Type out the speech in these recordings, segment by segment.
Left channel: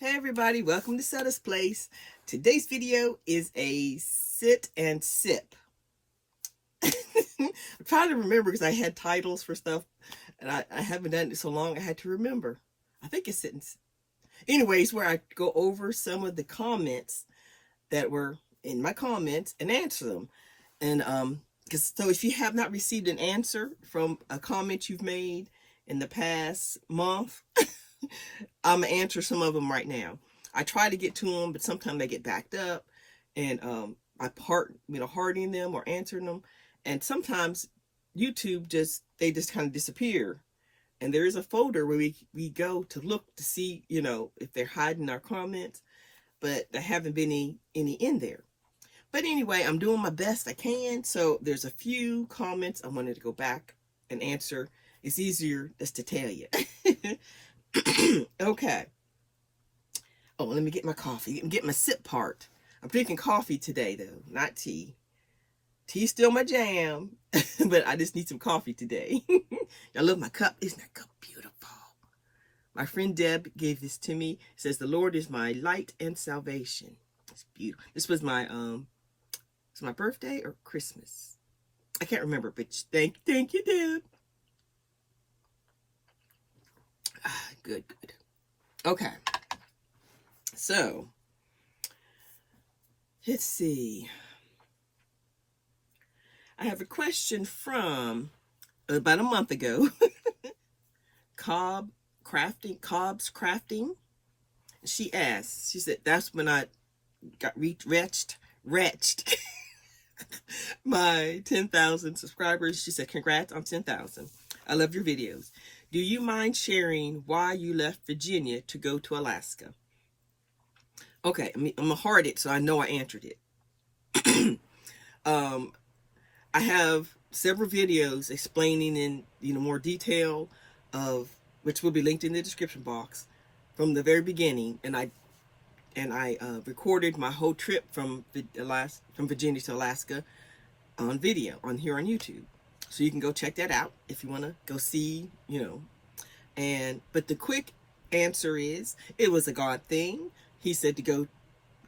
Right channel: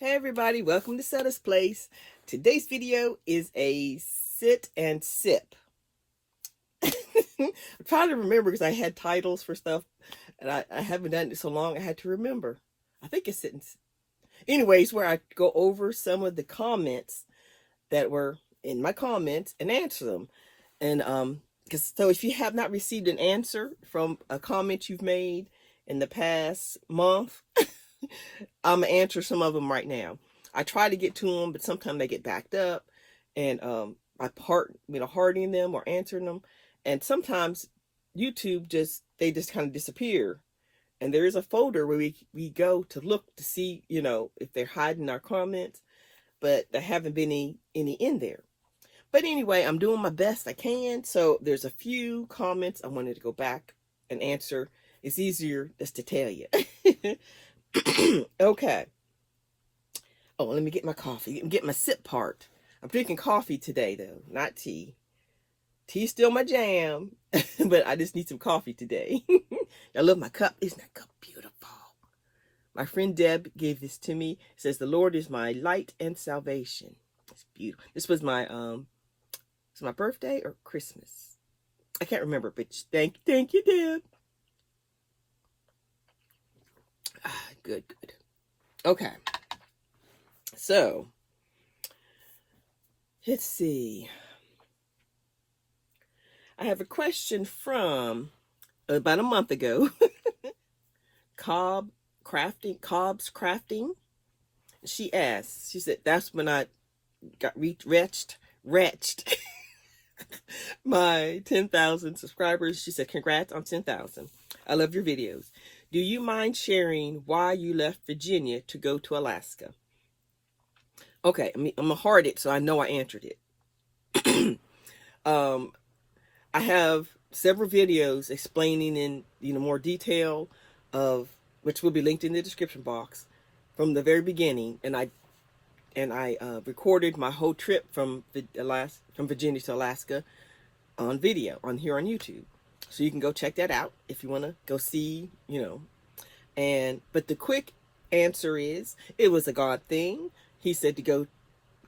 Hey everybody, welcome to Setta's Place. Today's video is a sit and sip. I'm trying to remember because I had titles for stuff and I haven't done it so long I had to remember. I think it's sit and sip. Anyways, where I go over some of the comments that were in my comments and answer them. And because so if you have not received an answer from a comment you've made in the past month, I'm gonna answer some of them right now. I try to get to them, but sometimes they get backed up, and I hearting them or answering them, and sometimes YouTube they just kind of disappear. And there is a folder where we go to look to see, if they're hiding our comments, but there haven't been any in there. But anyway, I'm doing my best I can. So there's a few comments I wanted to go back and answer. It's easier just to tell you. Okay. Oh, let me get my coffee. Get my sip part. I'm drinking coffee today, though, not tea. Tea's still my jam, but I just need some coffee today. I love my cup. Isn't that cup beautiful? My friend Deb gave this to me. It says, "The Lord is my light and salvation." It's beautiful. This was my birthday or Christmas. I can't remember, but thank you, Deb. Good. Okay. So, let's see. I have a question from about a month ago. Cobb's Crafting. She asked, she said, that's when I got wretched my 10,000 subscribers. She said, congrats on 10,000. I love your videos. Do you mind sharing why you left Virginia to go to Alaska? Okay, I'm gonna heart it so I know I answered it. I have several videos explaining in more detail of which will be linked in the description box from the very beginning, and I recorded my whole trip from Virginia to Alaska on video here on YouTube. So you can go check that out if you want to go see, but the quick answer is it was a God thing. He said to go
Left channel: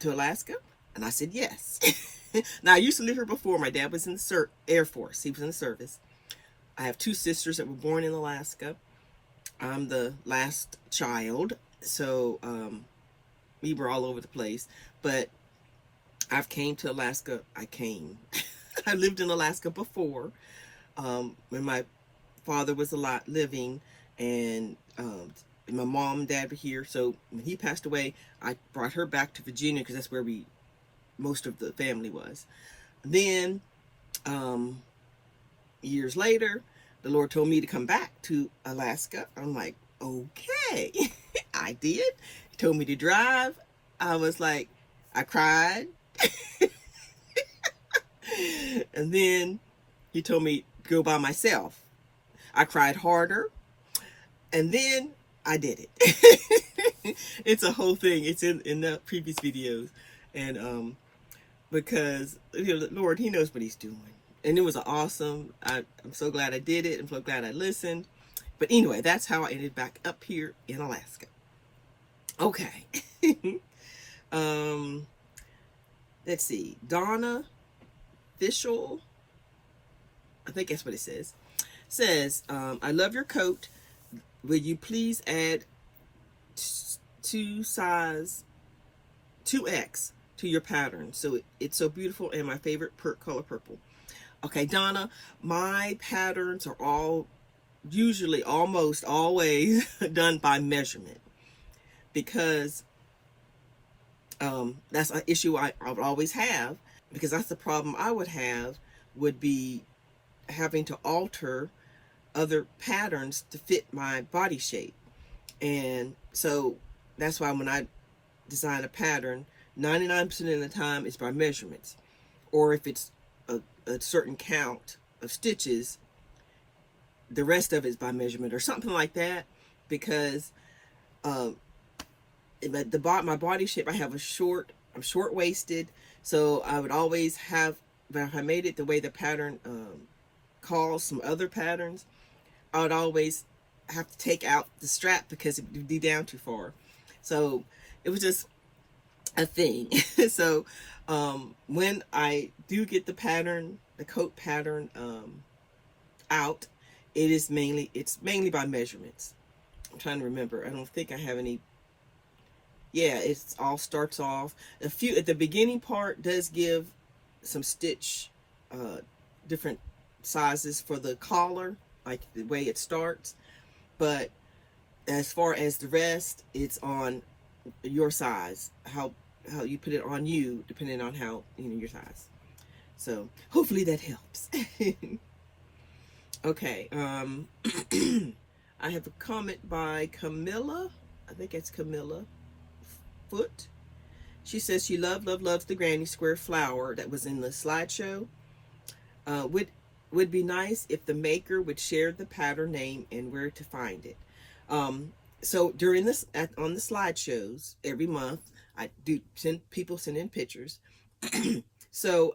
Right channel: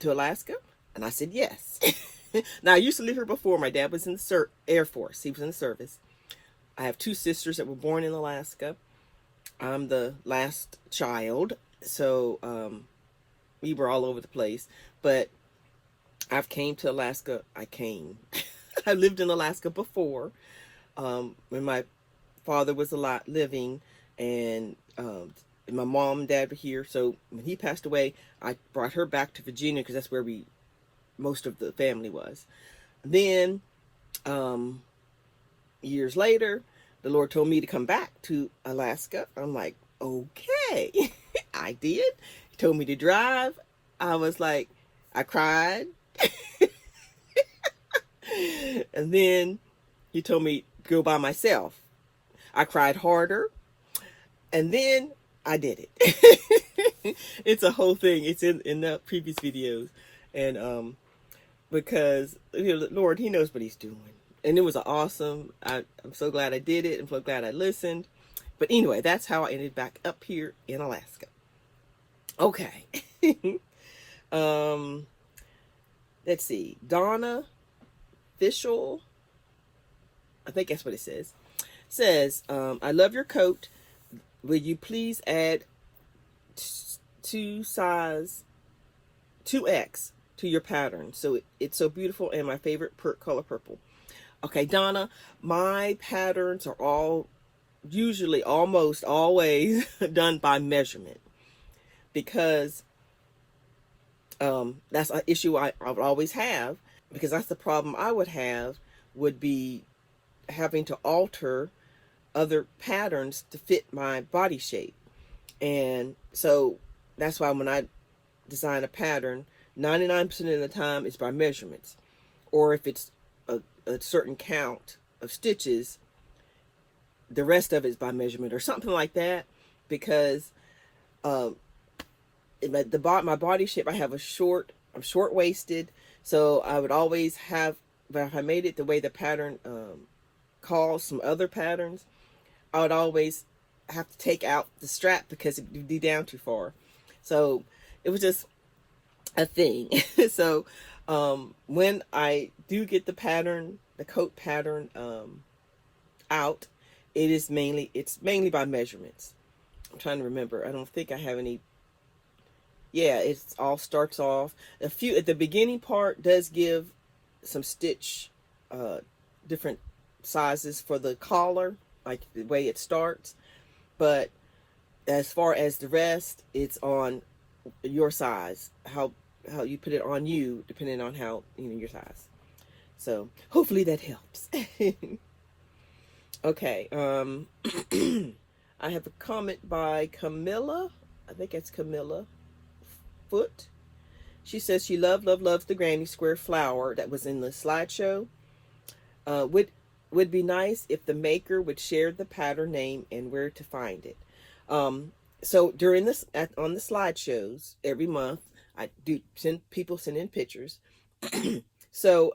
to Alaska, and I said yes. Now, I used to live here before. My dad was in the Air Force. He was in the service. I have two sisters that were born in Alaska. I'm the last child, so we were all over the place. But I've came to Alaska. I lived in Alaska before. When my father was living, and my mom and dad were here. So when he passed away, I brought her back to Virginia because that's where most of the family was. Then years later, the Lord told me to come back to Alaska. I'm like, okay. I did. He told me to drive. I was like, I cried. And then he told me to go by myself. I cried harder. And then I did it. It's a whole thing. It's in the previous videos. And because the Lord, he knows what he's doing. And it was awesome. I'm so glad I did it. I'm so glad I listened. But anyway, that's how I ended back up here in Alaska. Okay. Let's see. Donna Fishel, I think that's what it says, I love your coat. Will you please add 2X to your pattern? So it's so beautiful and my favorite color purple. Okay, Donna, my patterns are all usually almost always done by measurement, because that's an issue I would always have, because that's the problem I would have, would be having to alter other patterns to fit my body shape. And so that's why when I design a pattern, 99% of the time it's by measurements, or if it's a certain count of stitches, the rest of it is by measurement or something like that. Because my body shape, I'm short-waisted, so I would always have, if I made it the way the pattern calls some other patterns, I would always have to take out the strap because it would be down too far. So it was just a thing. So when I do get the pattern, the coat pattern out, it's mainly by measurements. I'm trying to remember. I don't think I have any. Yeah, it's all starts off a few at the beginning part does give some stitch different sizes for the collar, like the way it starts, but as far as the rest, it's on your size, how you put it on you, depending on how, your size. So hopefully that helps. Okay, I have a comment by Camilla. I think it's Camilla Foot. She says she loves the granny square flower that was in the slideshow. Would be nice if the maker would share the pattern name and where to find it. So during this on the slideshows every month, I do send in pictures. So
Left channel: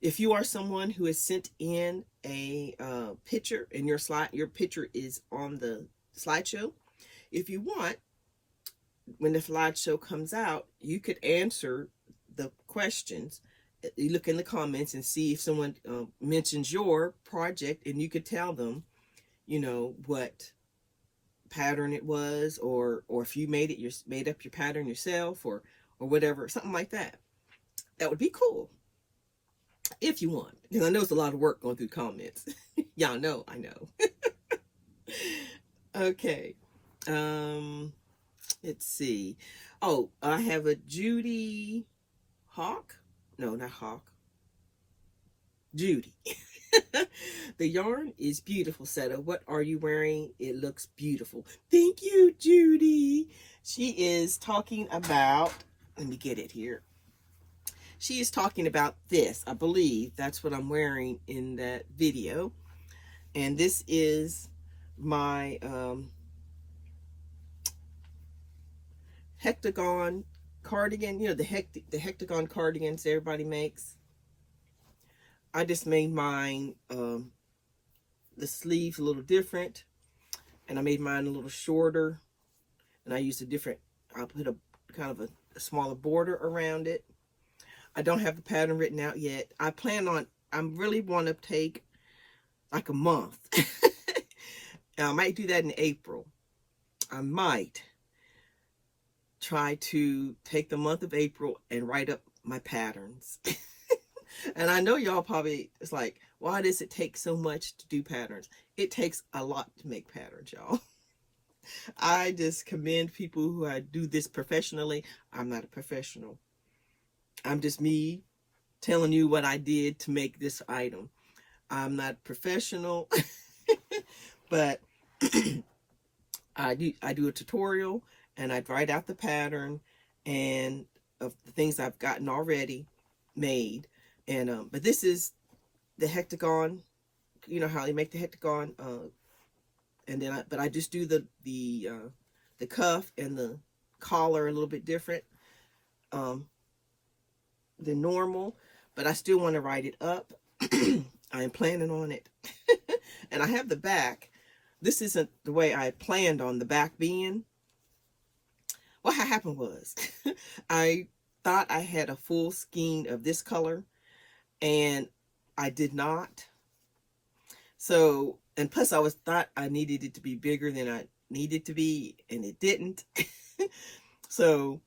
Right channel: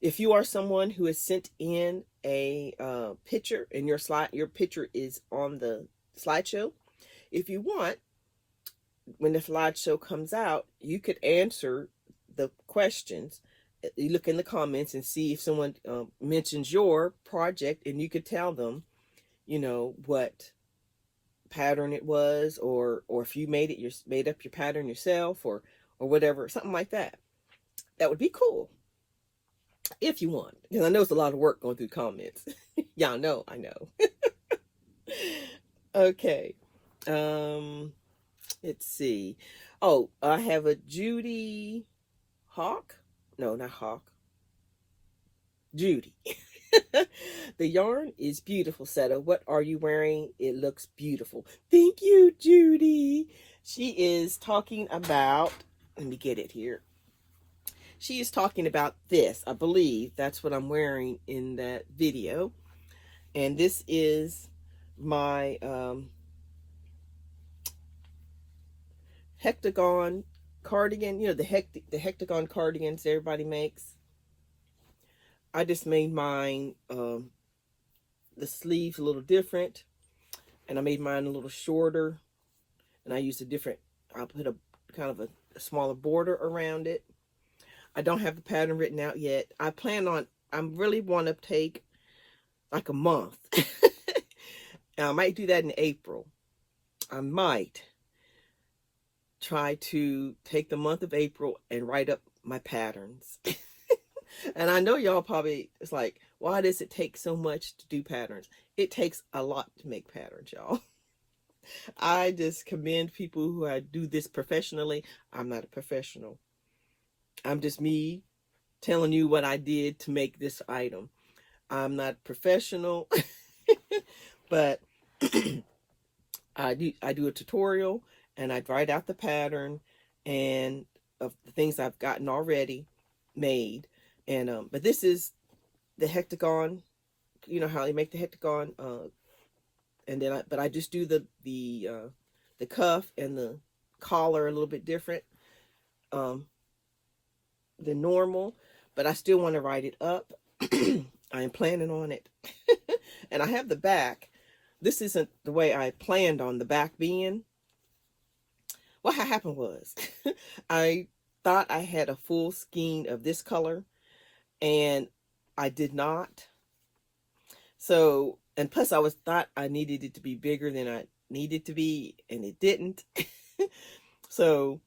if you are someone who has sent in a picture and your picture is on the slideshow, if you want, when the slideshow comes out, you could answer the questions. You look in the comments and see if someone mentions your project, and you could tell them, what pattern it was, or if you made up your pattern yourself, or whatever, something like that. That would be cool if you want, because I know it's a lot of work going through comments. Y'all know, I know. Okay. Let's see. Oh, I have a Judy Hawk. No, not Hawk. Judy. The yarn is beautiful, Setta. What are you wearing? It looks beautiful. Thank you, Judy. She is talking about, let me get it here. She is talking about this. I believe that's what I'm wearing in that video. And this is my hectagon cardigan, the hectagon cardigans everybody makes. I just made mine the sleeves a little different, and I made mine a little shorter, and I used I put a kind of a smaller border around it. I don't have the pattern written out yet. I really want to take like a month. I might do that in April. I might try to take the month of April and write up my patterns. And I know y'all probably, it's like, why does it take so much to do patterns? It takes a lot to make patterns, y'all. I just commend people who do this professionally. I'm not a professional. I'm just me telling you what I did to make this item. I'm not professional, but I do a tutorial, and I write out the pattern and of the things I've gotten already made. And but this is the hectagon. You know how they make the hectagon, and then I just do the cuff and the collar a little bit different than normal, but I still want to write it up. I am planning on it. And I have the back. This isn't the way I planned on the back being. What happened was I thought I had a full skein of this color, and I did not. So, and plus I thought I needed it to be bigger than I needed to be, and it didn't. So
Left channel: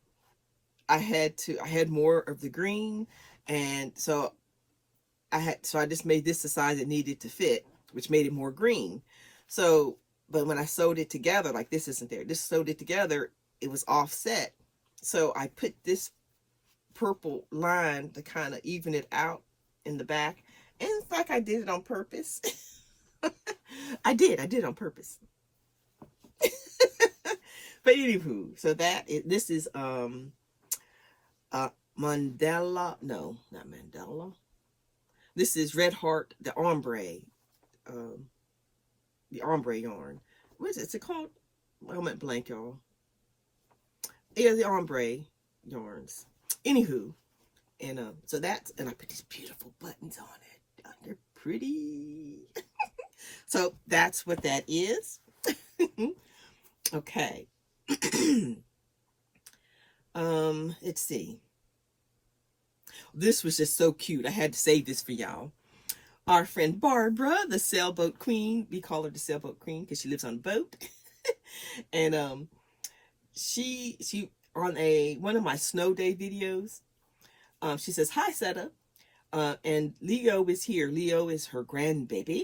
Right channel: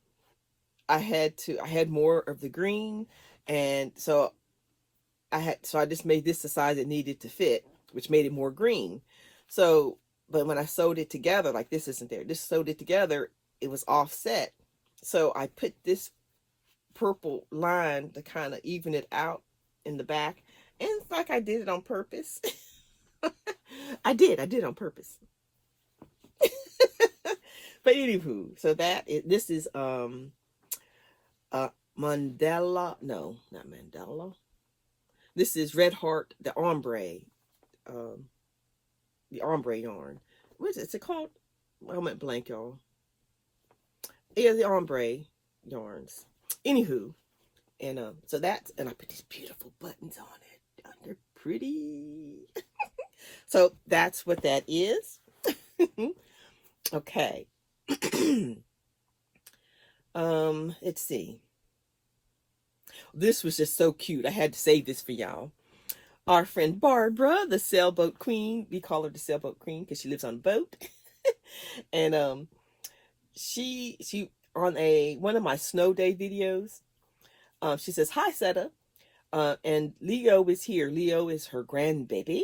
I had more of the green, and so I just made this the size it needed to fit, which made it more green. So, but when I sewed it together, like this isn't there, just sewed it together, it was offset. So I put this purple line to kind of even it out in the back, and it's like I did it on purpose. I did on purpose. But anywho, so this is Mandela, no, not Mandela. This is Red Heart, the ombre yarn. What is it? Is it called? I went blank, y'all. Yeah, the ombre yarns. Anywho, and so and I put these beautiful buttons on it. They're pretty. So that's what that is. Okay. Let's see. This was just so cute. I had to save this for y'all. Our friend Barbara, the sailboat queen. We call her the sailboat queen because she lives on a boat. And she on one of my snow day videos, she says, "Hi, Setta." And Leo is here. Leo is her grandbaby.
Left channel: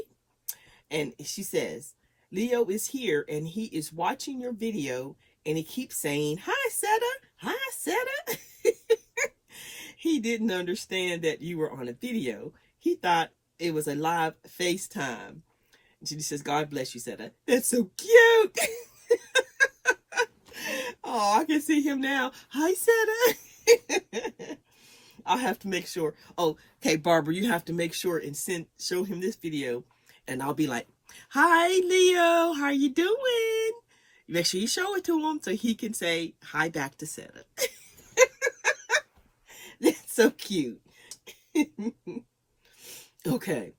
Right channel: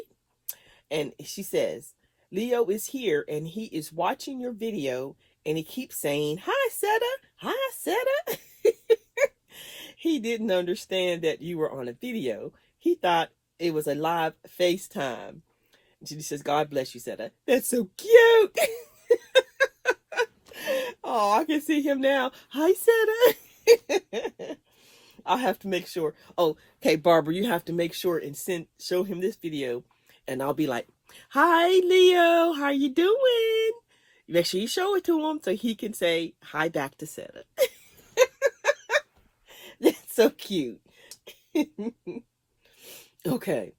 And she says, "Leo is here and he is watching your video and he keeps saying, 'Hi, Setta. Hi, Setta.'" He didn't understand that you were on a video. He thought it was a live FaceTime. And she says, "God bless you, Setta." That's so cute. Oh, I can see him now. "Hi, Setta." I'll have to make sure. Oh, okay, Barbara, you have to make sure and show him this video. And I'll be like, "Hi, Leo. How you doing?" Make sure you show it to him so he can say hi back to Setta. That's so cute. Okay.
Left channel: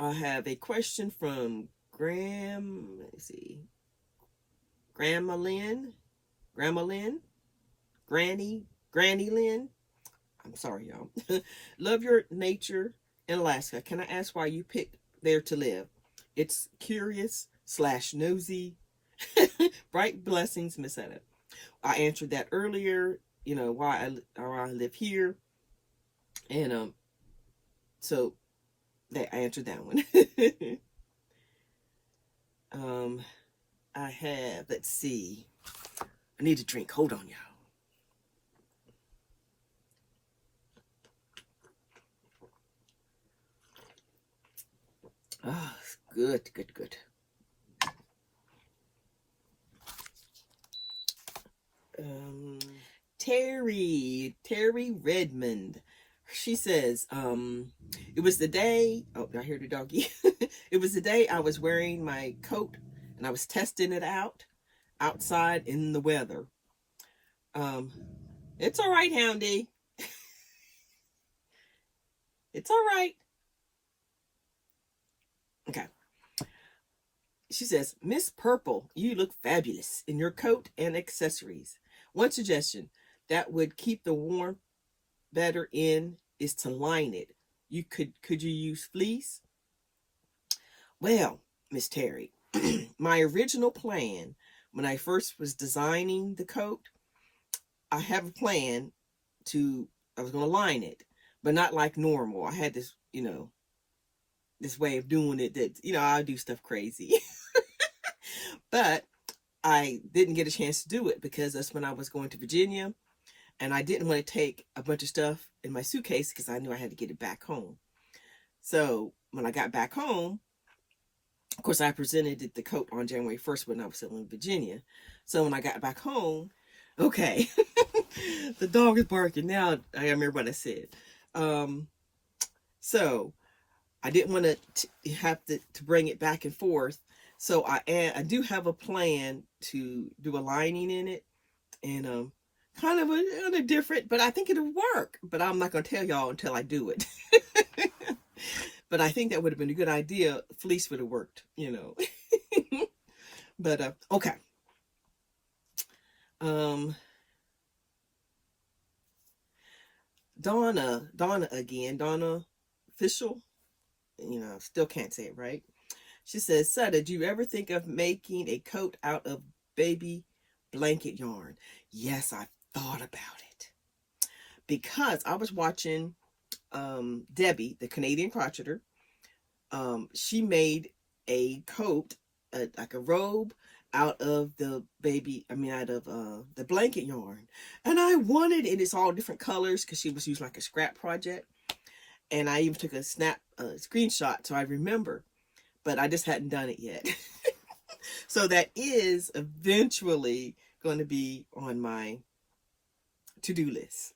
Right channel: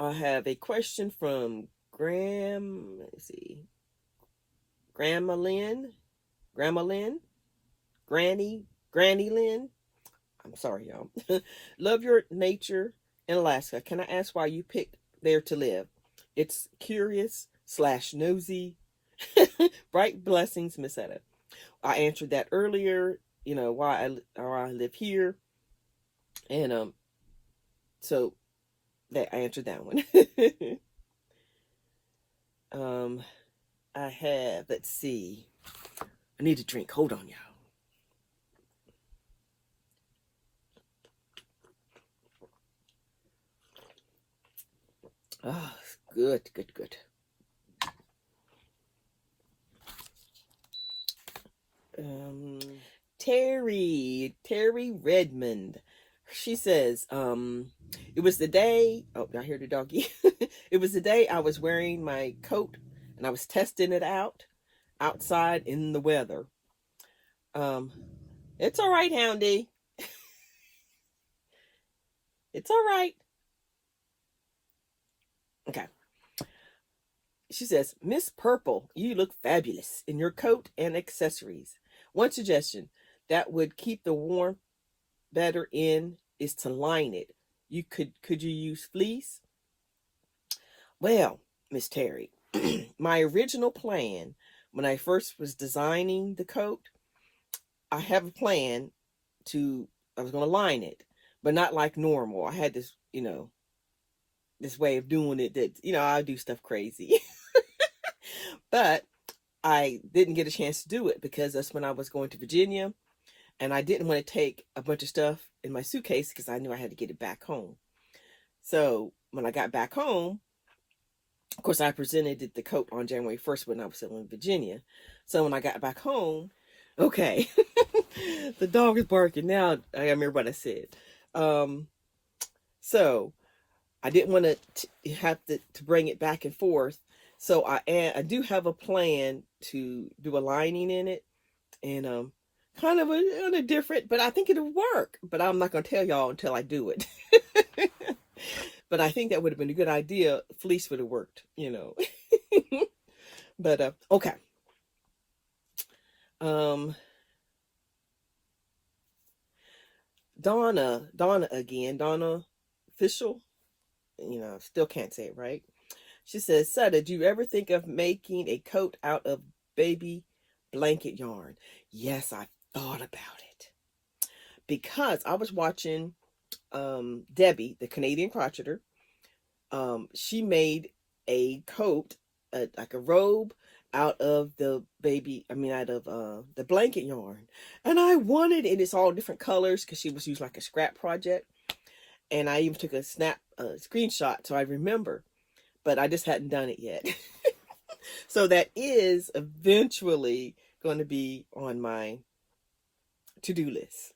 I have a question from let's see. Grandma Lynn, Granny Lynn. I'm sorry, y'all. "Love your nature in Alaska. Can I ask why you picked there to live? It's curious / nosy. Bright blessings, Miss Etta." I answered that earlier, why I live here. And so that I answered that one. I have, let's see. I need a drink. Hold on, y'all. Ah, good. Terry Redmond. She says, "It was the day," oh, I hear the doggy. "It was the day I was wearing my coat and I was testing it out outside in the weather." It's all right, Houndy. It's all right. Okay. She says, "Miss Purple, you look fabulous in your coat and accessories. One suggestion that would keep the warmth better in is to line it. Could you use fleece?" Well, Miss Terry, my original plan when I first was designing the coat, I have a plan I was going to line it, but not like normal. I had this, this way of doing it that, I do stuff crazy. But I didn't get a chance to do it because that's when I was going to Virginia. And I didn't want to take a bunch of stuff in my suitcase because I knew I had to get it back home. So when I got back home, of course, I presented the coat on January 1st when I was still in Virginia. So when I got back home, okay, the dog is barking now. I remember what I said. So I didn't want to have to bring it back and forth. So I do have a plan to do a lining in it, and kind of a different, but I think it'll work. But I'm not going to tell y'all until I do it. But I think that would have been a good idea. Fleece would have worked, But okay. Donna again. Donna Official. Still can't say it right. She says, "Setta, did you ever think of making a coat out of baby blanket yarn?" Yes, I thought about it because I was watching Debbie, the Canadian crocheter. She made a coat, like a robe, out of the blanket yarn, and I wanted it. It's all different colors because she was using like a scrap project, and I even took a screenshot so I remember, but I just hadn't done it yet. So that is eventually going to be on my to-do list.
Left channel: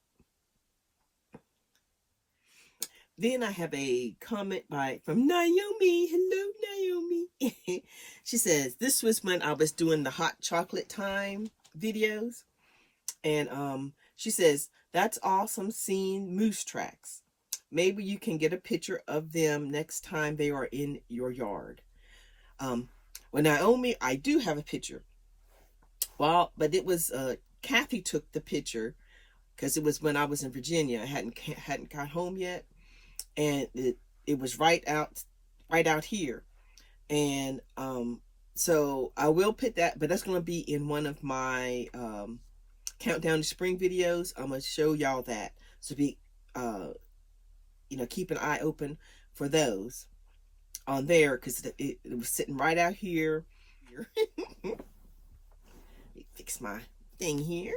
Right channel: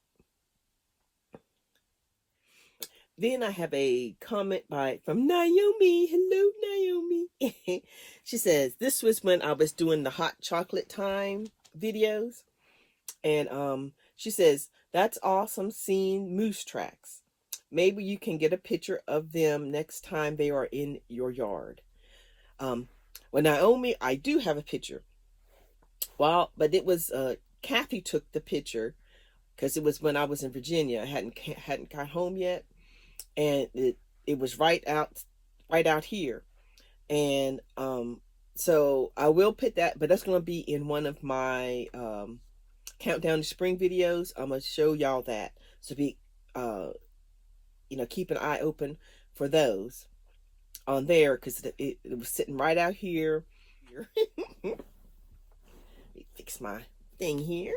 Then I have a comment from Naomi. Hello, Naomi. She says, "This was when I was doing the hot chocolate time videos." And she says, "That's awesome seeing moose tracks. Maybe you can get a picture of them next time they are in your yard." Well, Naomi, I do have a picture. Well, but it was Kathy took the picture because it was when I was in Virginia. I hadn't got home yet, and it was right out here. And so I will put that, but that's going to be in one of my countdown to spring videos. I'm going to show y'all that. So be keep an eye open for those on there, because it was sitting right out here. Fix my thing here.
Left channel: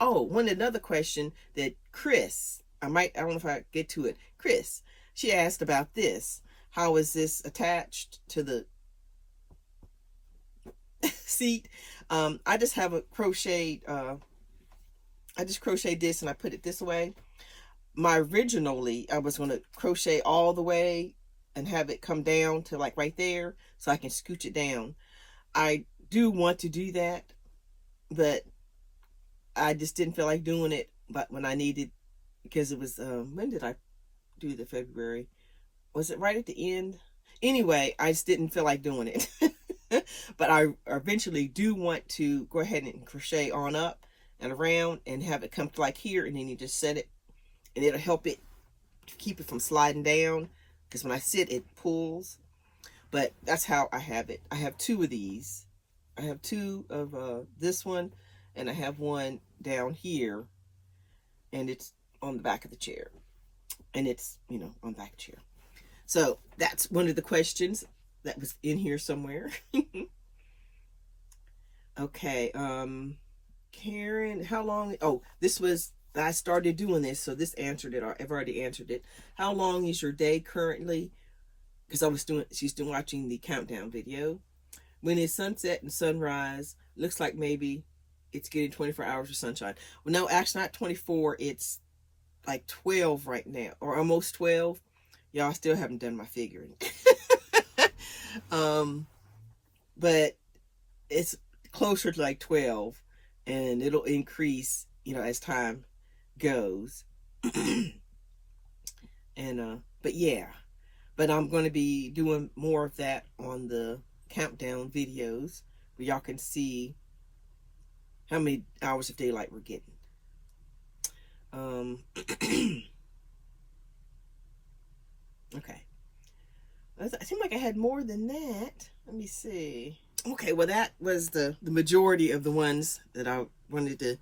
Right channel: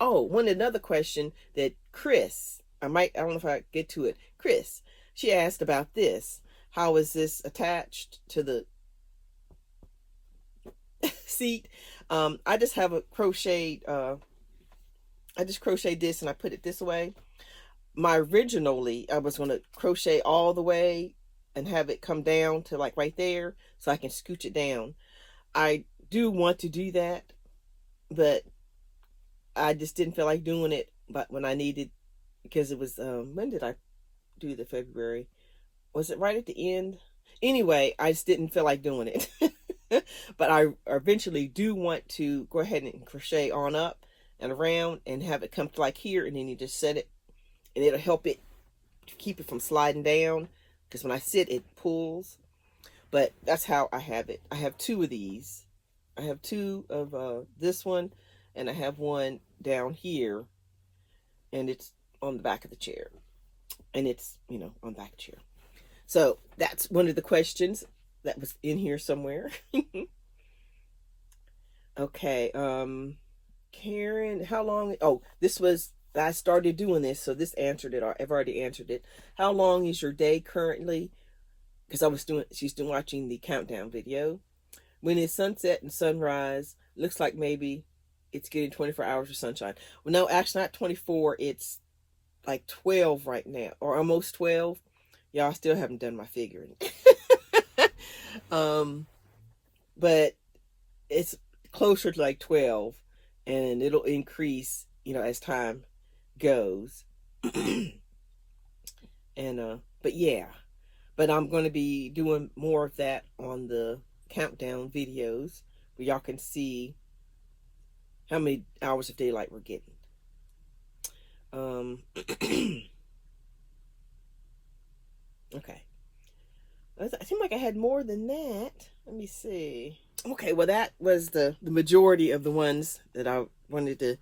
Oh, another question that Chris, I don't know if I get to it. Chris, she asked about this. How is this attached to the seat? I just have a crocheted, I just crocheted this and I put it this way. Originally, I was going to crochet all the way and have it come down to like right there so I can scooch it down. I do want to do that, but I just didn't feel like doing it. But when I needed, because it was, when did I do the February? Was it right at the end? Anyway, I just didn't feel like doing it. But I eventually do want to go ahead and crochet on up and around and have it come to like here, and then you just set it, and it'll help it to keep it from sliding down, because when I sit it pulls. But that's how I have it. I have two of these. I have two of this one, and I have one down here, and it's on the back of the chair, and it's on the back of the chair. So that's one of the questions that was in here somewhere. Okay, Karen, how long? Oh, I started doing this, so this answered it. I've already answered it. How long is your day currently? Because she's doing watching the countdown video. When it's sunset and sunrise, looks like maybe it's getting 24 hours of sunshine. Well, no, actually not 24. It's like 12 right now, or almost 12. Y'all, still haven't done my figuring. But it's closer to like 12, and it'll increase, as time goes. And but yeah, but I'm going to be doing more of that on the countdown videos, where y'all can see how many hours of daylight we're getting. Okay. It seemed like I had more than that. Let me see. Okay, well, that was the majority of the ones that I wanted to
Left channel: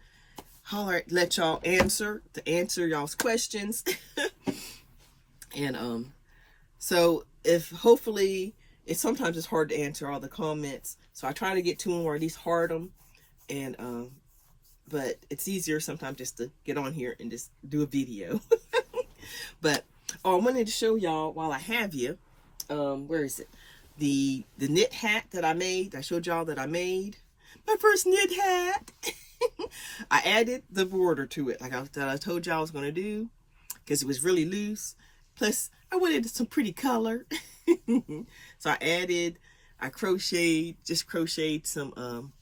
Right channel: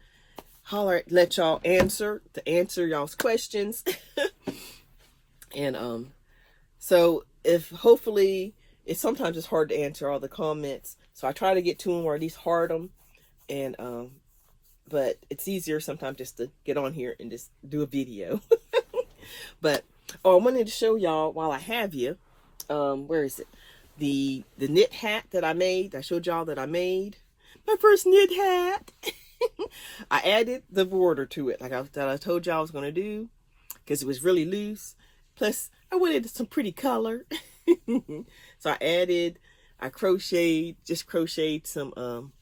let y'all answer y'all's questions. And so hopefully sometimes it's hard to answer all the comments, so I try to get to them, or at least heart them. And but it's easier sometimes just to get on here and just do a video. But I wanted to show y'all while I have you. Where is it? The knit hat that I made. I showed y'all that I made my first knit hat. I added the border to it, like I told y'all I was going to do, because it was really loose. Plus, I wanted some pretty color. So I crocheted some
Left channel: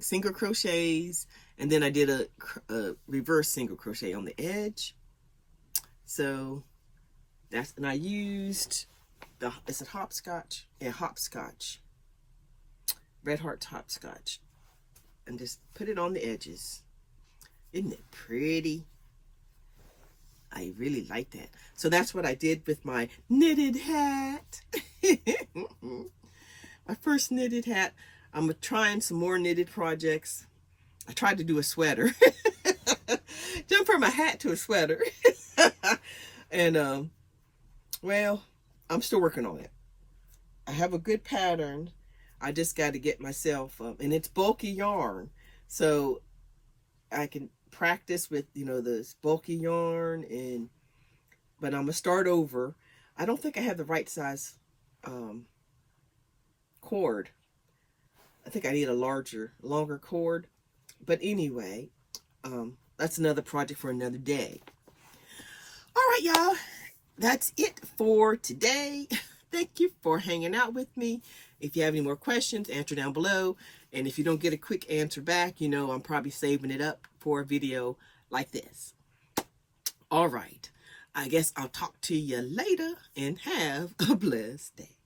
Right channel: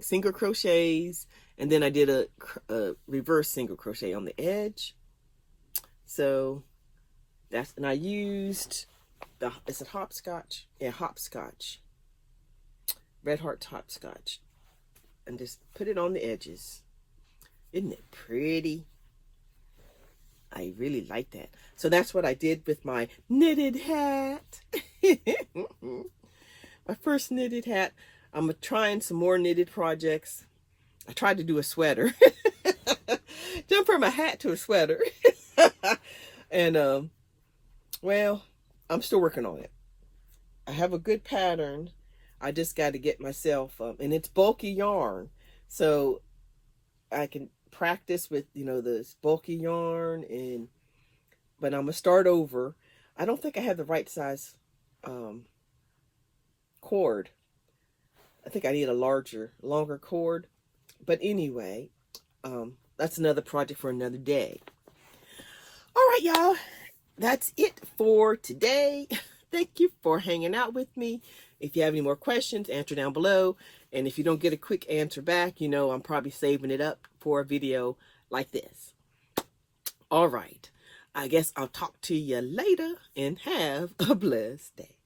single crochets, and then I did a reverse single crochet on the edge. So and I used is it hopscotch? Yeah, hopscotch. Red Heart hopscotch. And just put it on the edges. Isn't it pretty? I really like that. So that's what I did with my knitted hat. My first knitted hat. I'm trying some more knitted projects. I tried to do a sweater. Jump from a hat to a sweater. And well, I'm still working on it. I have a good pattern. I just got to get myself and it's bulky yarn, so I can practice with this bulky yarn. But I'm gonna start over. I don't think I have the right size cord. I think I need a longer cord. But anyway, that's another project for another day. All right, y'all. That's it for today. Thank you for hanging out with me. If you have any more questions, answer down below. And if you don't get a quick answer back, I'm probably saving it up for a video like this. All right. I guess I'll talk to you later, and have a blessed day.